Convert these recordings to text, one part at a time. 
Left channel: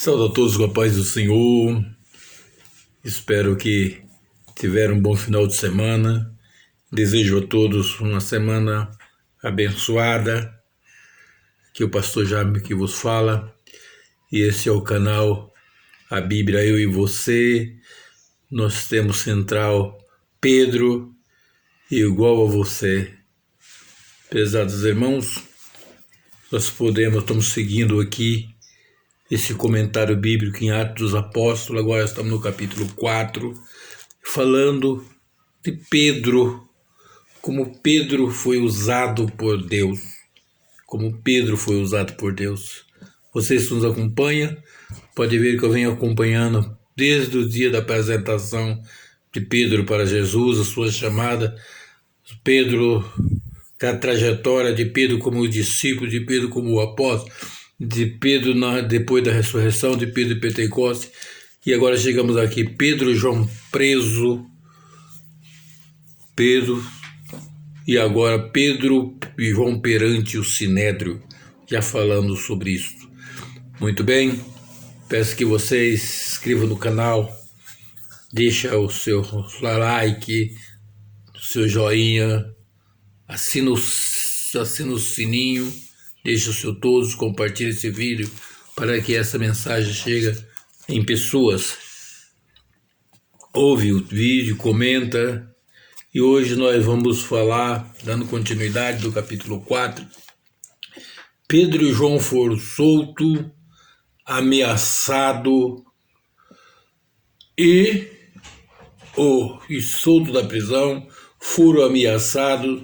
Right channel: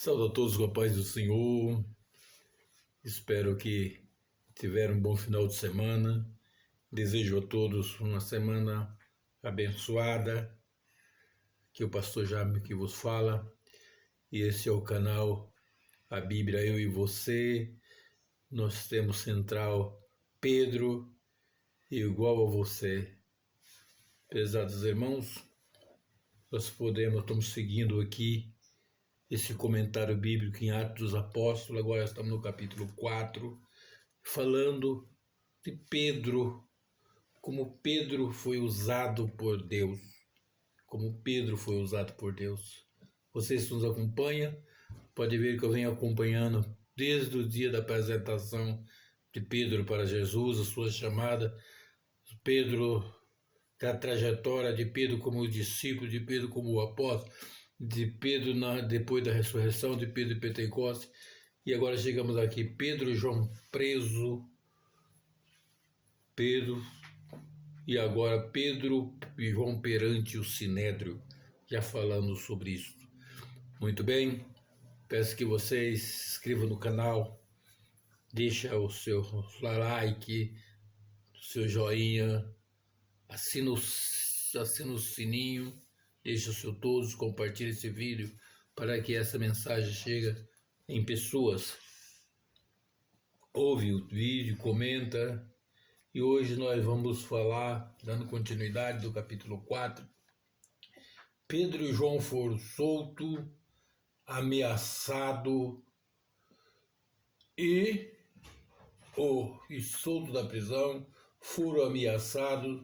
Saúde a todos com a paz do Senhor. Espero que tiveram um bom final de semana. Desejo a todos uma semana abençoada. Que o pastor Jaime que vos fala. E esse é o canal A Bíblia Eu e Você. Nós temos central Pedro igual a você. Pesados irmãos, estamos seguindo aqui esse comentário bíblico em Atos dos Apóstolos. Agora estamos no capítulo 4, falando de Pedro, como Pedro foi usado por Deus. Como Pedro foi usado por Deus. Vocês que nos acompanham, pode ver que eu venho acompanhando desde o dia da apresentação de Pedro para Jesus, a sua chamada, Pedro, a trajetória de Pedro como discípulo, de Pedro como apóstolo, de Pedro depois da ressurreição, de Pedro e Pentecostes, e agora chegamos aqui, Pedro e João preso, Pedro, e agora Pedro e João perante o Sinédrio, já falando sobre isso. Muito bem, peço que vocês se inscrevam no canal, deixa o seu like, o seu joinha, assina o sininho, deixa o seu todos, compartilhe esse vídeo para que essa mensagem chegue em pessoas. Ouve o vídeo, comenta. E hoje nós vamos falar, dando continuidade do capítulo 4. Pedro e João foram soltos, ameaçados e soltos da prisão, foram ameaçados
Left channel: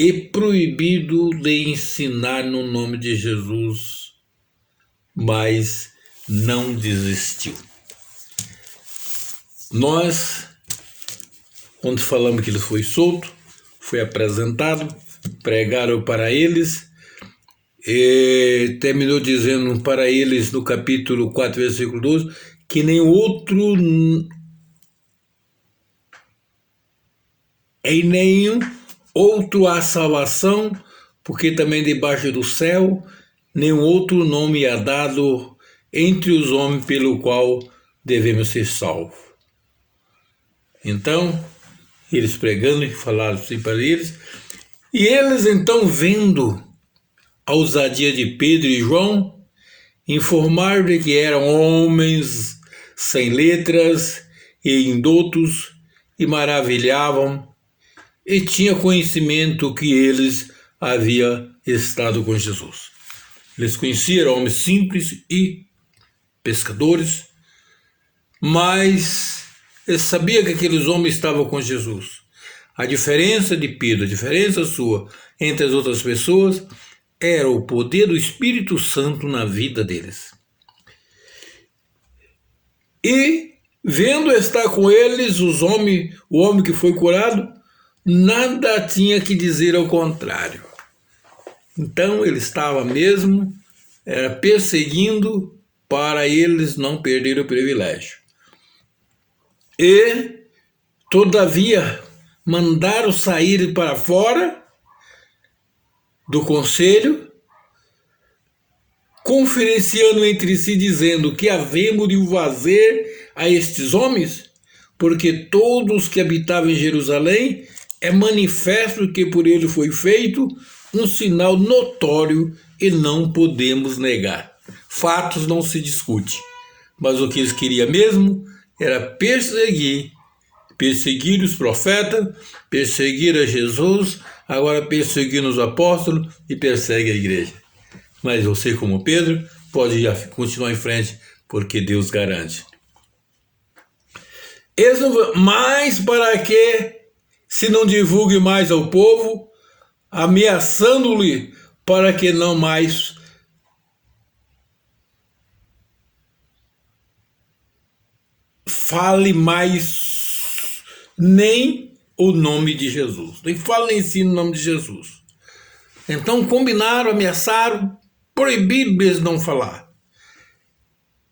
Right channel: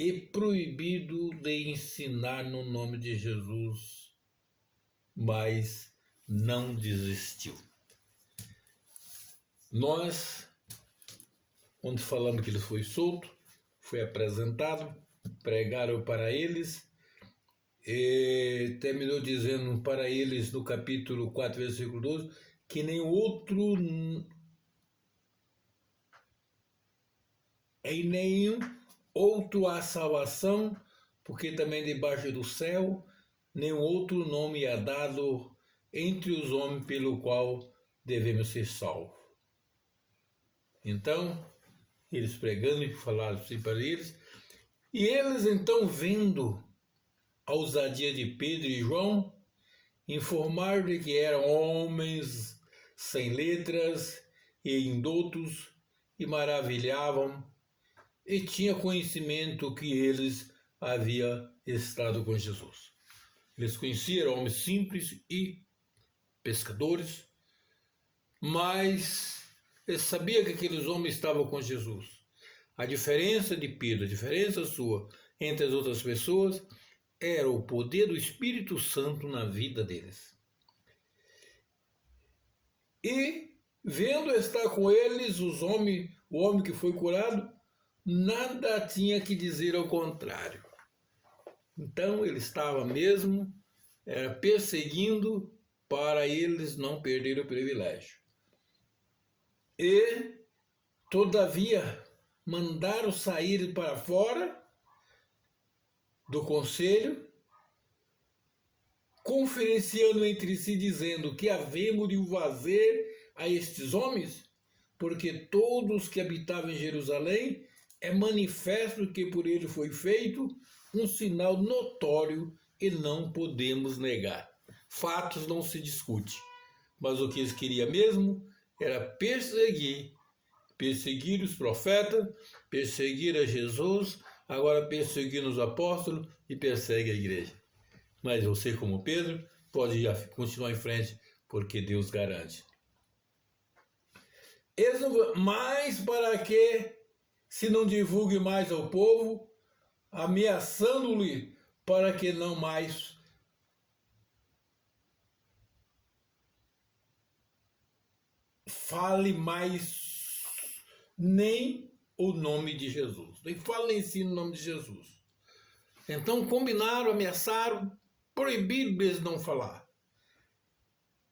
e proibido de ensinar no nome de Jesus, mas não desistiu. Nós, quando falamos que ele foi solto, foi apresentado, pregaram para eles, e terminou dizendo para eles no capítulo 4, versículo 12, que nem outro, em nenhum outro há salvação, porque também debaixo do céu nenhum outro nome é dado entre os homens pelo qual devemos ser salvos. Então, eles pregando e falaram assim para eles, e eles então vendo a ousadia de Pedro e João, informaram de que eram homens sem letras e indoutos, e maravilhavam e tinha conhecimento que eles haviam estado com Jesus. Eles conheciam homens simples e pescadores, mas eles sabiam que aqueles homens estavam com Jesus. A diferença de Pedro, a diferença sua entre as outras pessoas, era o poder do Espírito Santo na vida deles. E, vendo estar com eles o homem que foi curado, nada tinha que dizer ao contrário. Então ele estava mesmo perseguindo para eles não perderem o privilégio. E, todavia, mandaram sair para fora do conselho, conferenciando entre si, dizendo: que havemos de fazer a estes homens? Porque todos que habitavam em Jerusalém é manifesto que por ele foi feito um sinal notório e não podemos negar. Fatos não se discute, mas o que eles queriam mesmo era perseguir os profetas, perseguir a Jesus, agora perseguir os apóstolos e persegue a igreja. Mas você, como Pedro, pode continuar em frente, porque Deus garante. Mas para que se não divulgue mais ao povo, ameaçando-lhe para que não mais fale mais nem o nome de Jesus. Nem fale nem ensine o nome de Jesus. Então combinaram, ameaçaram, proibiram eles não falar.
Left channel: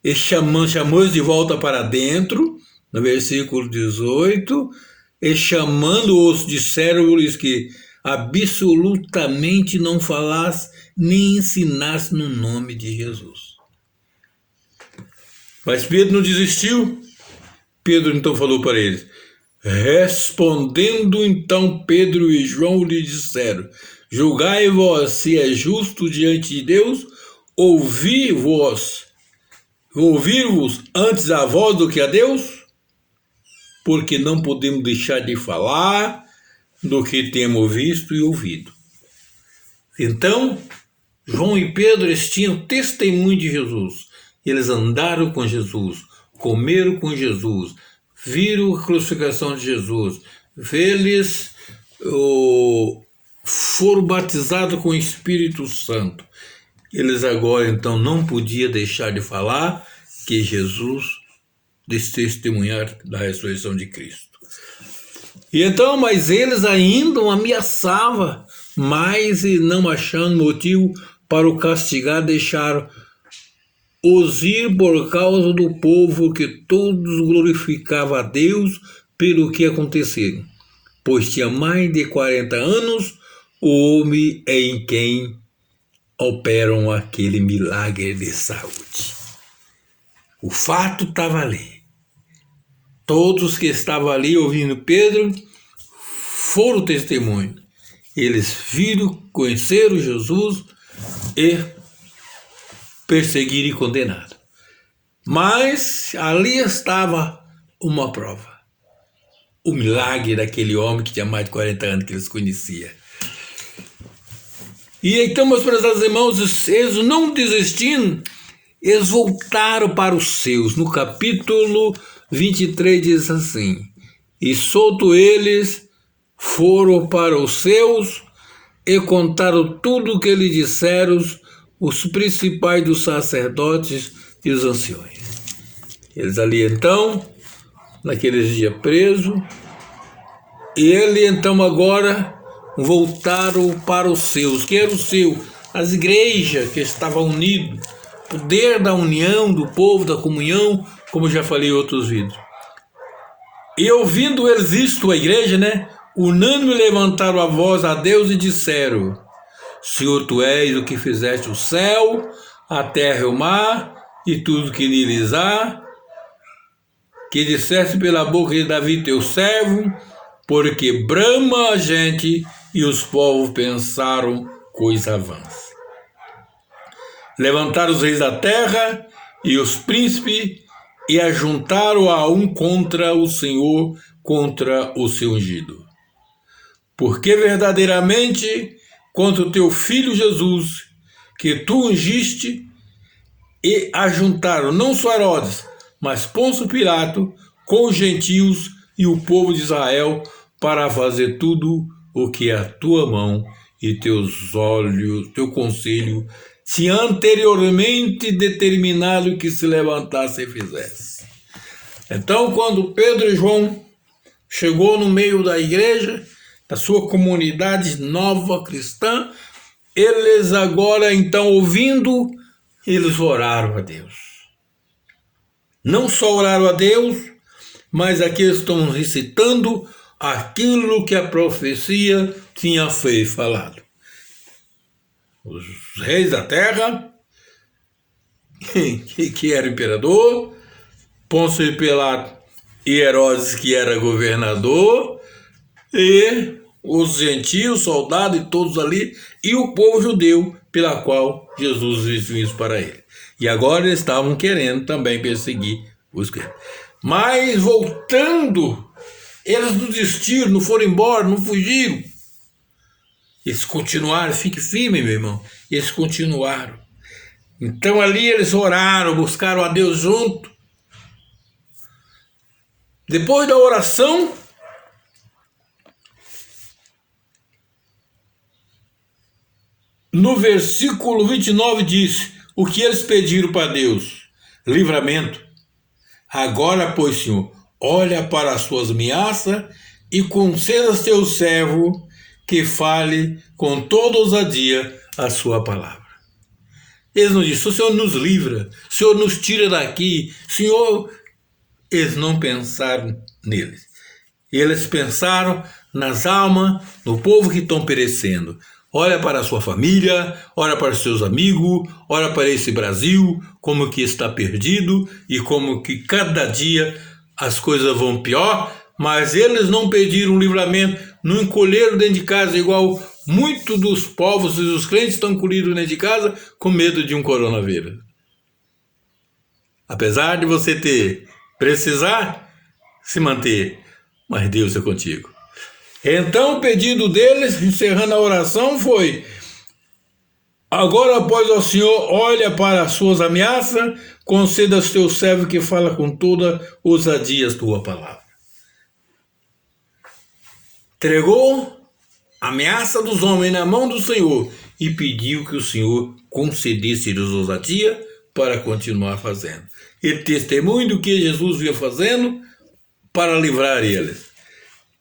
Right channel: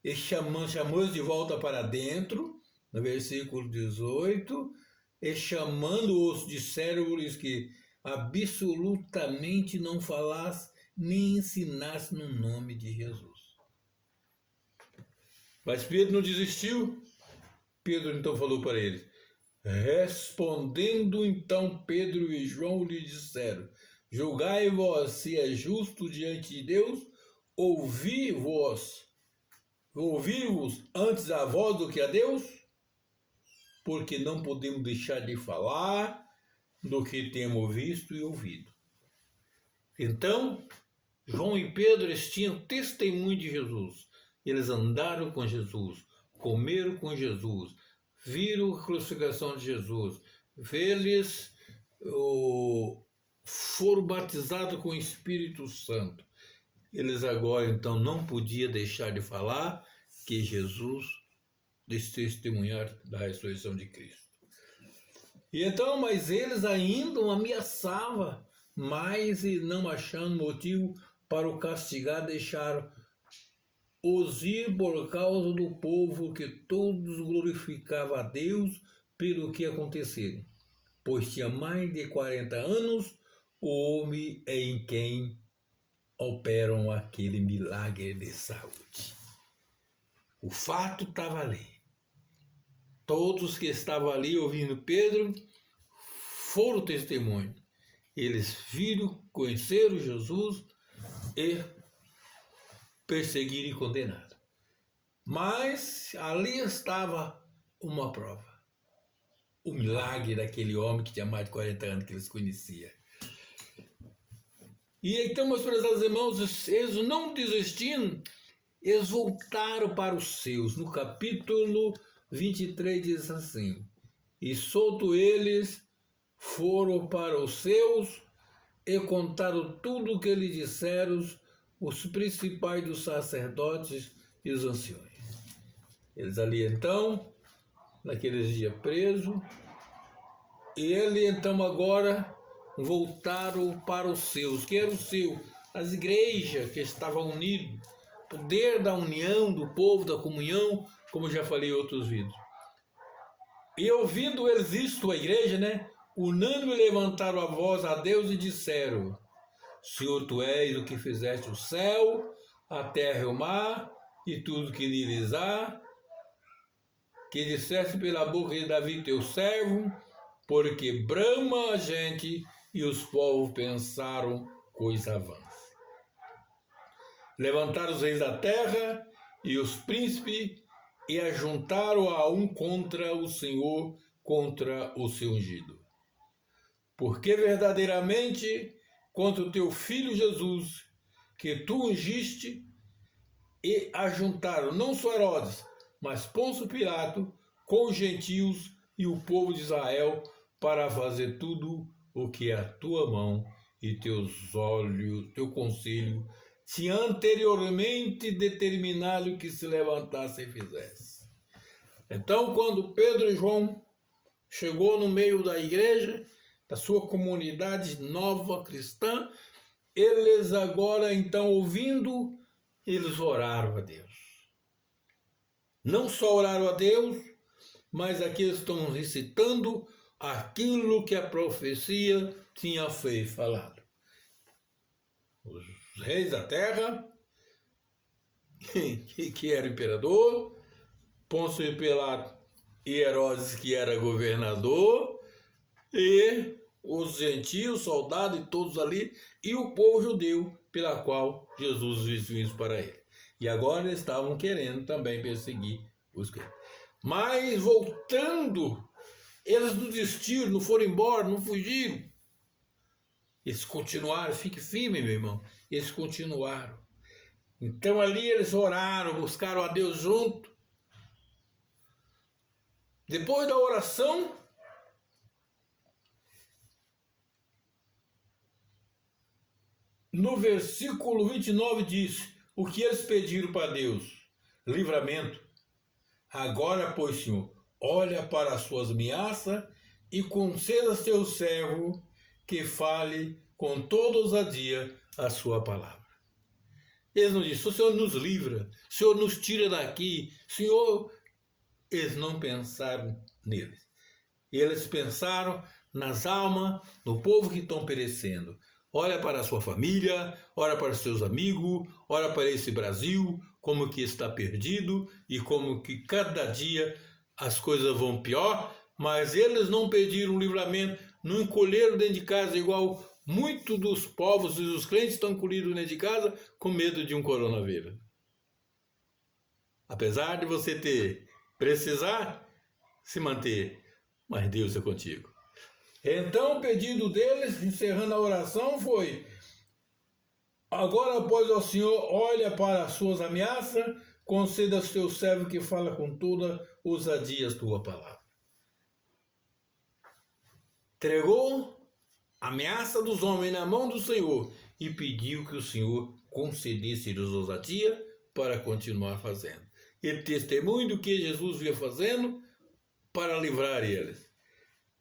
E chamou-os de volta para dentro, no versículo 18, e chamando-os, disseram-lhes que absolutamente não falasse nem ensinasse no nome de Jesus. Mas Pedro não desistiu. Pedro então falou para eles. Respondendo então Pedro e João lhe disseram: julgai vós se é justo diante de Deus ouvir-vos antes a vós do que a Deus? Porque não podemos deixar de falar do que temos visto e ouvido. Então, João e Pedro, eles tinham testemunho de Jesus. Eles andaram com Jesus, comeram com Jesus, viram a crucificação de Jesus. Eles foram batizados com o Espírito Santo. Eles agora, então, não podiam deixar de falar que Jesus testemunhar da ressurreição de Cristo. E então, mas eles ainda o ameaçavam, mas não achando motivo para o castigar, deixaram os ir por causa do povo, que todos glorificavam a Deus pelo que aconteceu. Pois tinha mais de 40 anos o homem em quem operam aquele milagre de saúde. O fato estava ali. Todos que estavam ali ouvindo Pedro foram testemunho. Eles viram, conheceram Jesus e perseguiram e condenaram. Mas ali estava uma prova. O milagre daquele homem que tinha mais de 40 anos que eles conheciam. E então, meus prezados irmãos, eles não desistindo, eles voltaram para os seus. No capítulo 23 diz assim: e solto eles foram para os seus e contaram tudo o que lhe disseram os principais dos sacerdotes e os anciões. Eles ali então, naqueles dias presos, e ele então agora voltaram para os seus. Que era o seu? As igrejas que estavam unidas, poder da união do povo, da comunhão, como já falei em outros vídeos. E ouvindo eles isto, a igreja, unânime levantaram a voz a Deus e disseram: Senhor, tu és o que fizeste o céu, a terra e o mar, e tudo que neles há, que disseste pela boca de Davi teu servo, porque brama a gente e os povos pensaram coisa vã. Levantaram os reis da terra e os príncipes e ajuntaram a um contra o Senhor, contra o seu ungido. Porque verdadeiramente contra o teu filho Jesus, que tu ungiste, e ajuntaram não só Herodes, mas Pôncio Pilato, com os gentios e o povo de Israel, para fazer tudo o que a tua mão e teus olhos, teu conselho, tinha anteriormente determinado que se levantasse e fizesse. Então, quando Pedro e João chegou no meio da igreja, da sua comunidade nova cristã, eles agora, então, ouvindo, eles oraram a Deus. Não só oraram a Deus, mas aqui estão recitando aquilo que a profecia tinha falado. Os reis da terra, que era imperador, Pôncio Pilato e Herodes, que era governador, e os gentios, soldados e todos ali, e o povo judeu, pela qual Jesus disse isso para ele. E agora eles estavam querendo também perseguir os crentes. Mas voltando, eles não desistiram, não foram embora, não fugiram. Eles continuaram, fique firme, meu irmão. Eles continuaram. Então ali eles oraram, buscaram a Deus junto. Depois da oração, no versículo 29 diz: o que eles pediram para Deus? Livramento. Agora, pois, Senhor, olha para as suas ameaças e conceda a teu servo que fale com toda ousadia a sua palavra. Eles não dizem: o Senhor nos livra, o Senhor nos tira daqui, Senhor. Eles não pensaram neles. Eles pensaram nas almas do povo que estão perecendo. Olha para a sua família, olha para os seus amigos, olha para esse Brasil, como que está perdido e como que cada dia as coisas vão pior, mas eles não pediram livramento, não encolheram dentro de casa igual muitos dos povos e dos crentes estão encolhidos dentro de casa com medo de um coronavírus. Apesar de você precisar se manter, mas Deus é contigo. Então o pedido deles, encerrando a oração, foi: agora, pois, ó Senhor, olha para as suas ameaças, conceda aos teus servos que fala com toda ousadia a tua palavra. Entregou a ameaça dos homens na mão do Senhor e pediu que o Senhor concedesse-lhes ousadia para continuar fazendo. E testemunho do que Jesus vinha fazendo para livrar eles.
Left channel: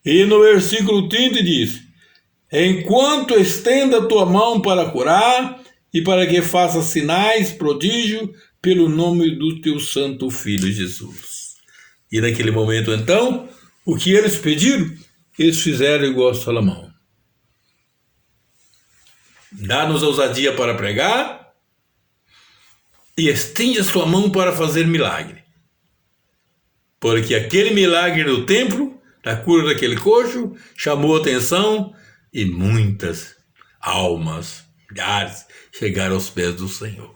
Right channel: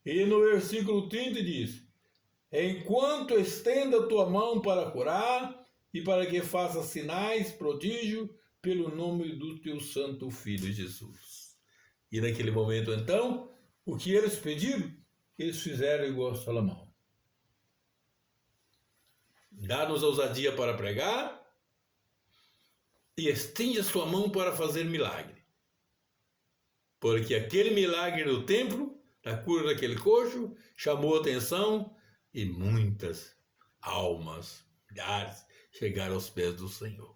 E no versículo 30 diz: enquanto estenda a tua mão para curar e para que faça sinais, prodígio, pelo nome do teu santo filho Jesus. E naquele momento então, o que eles pediram, eles fizeram igual a Salomão. Dá-nos ousadia para pregar e estende a sua mão para fazer milagre. Porque aquele milagre no templo, da cura daquele coxo, chamou a atenção e muitas almas, milhares, chegaram aos pés do Senhor.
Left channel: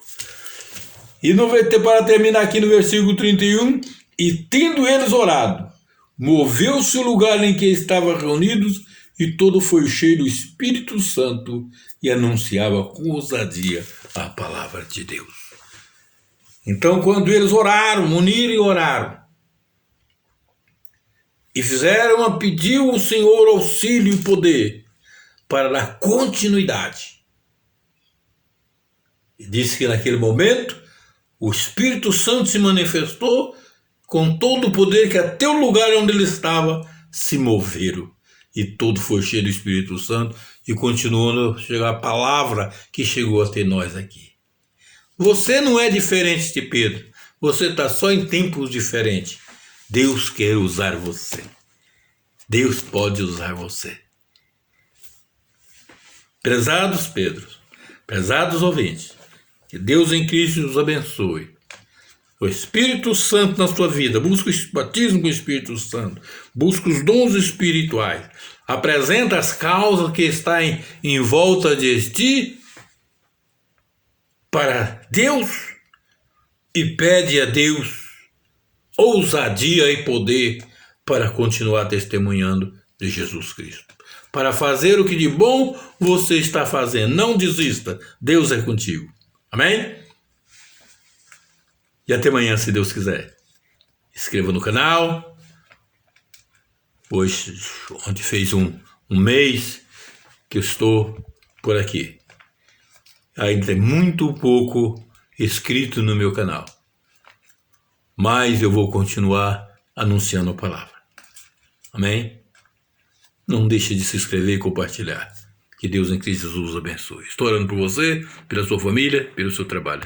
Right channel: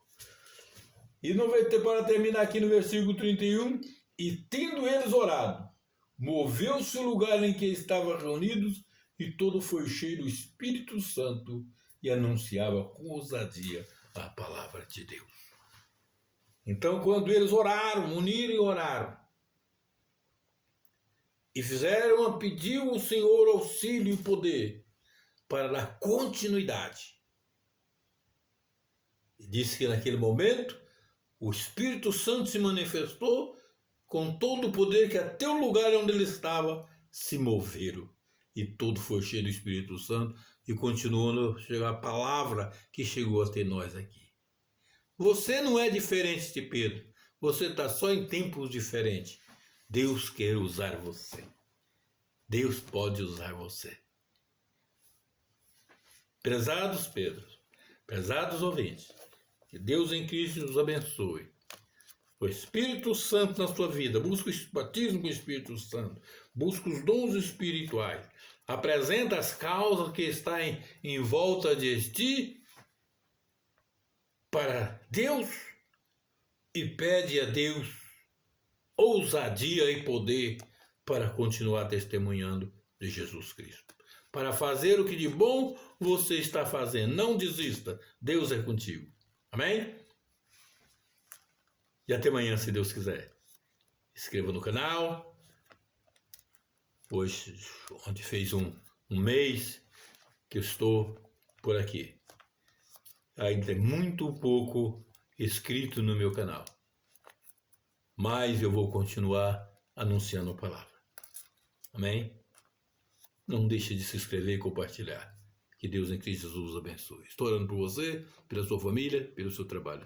E para terminar aqui no versículo 31, e tendo eles orado, moveu-se o lugar em que estavam reunidos e todo foi cheio do Espírito Santo e anunciava com ousadia a palavra de Deus. Então, quando eles oraram, uniram e oraram, e fizeram a pedir ao Senhor auxílio e poder para dar continuidade. E disse que naquele momento o Espírito Santo se manifestou com todo o poder que até o lugar onde ele estava se moveram. E tudo foi cheio do Espírito Santo e continuou a chegar a palavra que chegou até nós aqui. Você não é diferente de Pedro. Você está só em tempos diferentes. Deus quer usar você. Deus pode usar você. Prezados Pedro, prezados ouvintes, que Deus em Cristo os abençoe. O Espírito Santo na sua vida, busca o batismo com o Espírito Santo, busca os dons espirituais, apresenta as causas que estão em volta de ti para Deus e pede a Deus ousadia e poder para continuar testemunhando de Jesus Cristo. Para fazer o que de bom você está fazendo. Não desista. Deus é contigo. Amém? E até amanhã, se Deus quiser. Inscreva no canal. Ontem fez um mês que eu estou por aqui. Ainda tem muito pouco inscrito no meu canal. Mas eu vou continuar anunciando a palavra. Amém? Não deixe de se inscrever e compartilhar. Que Deus em Cristo Jesus abençoe. Estou orando por você, pela sua família, pelo seu trabalho.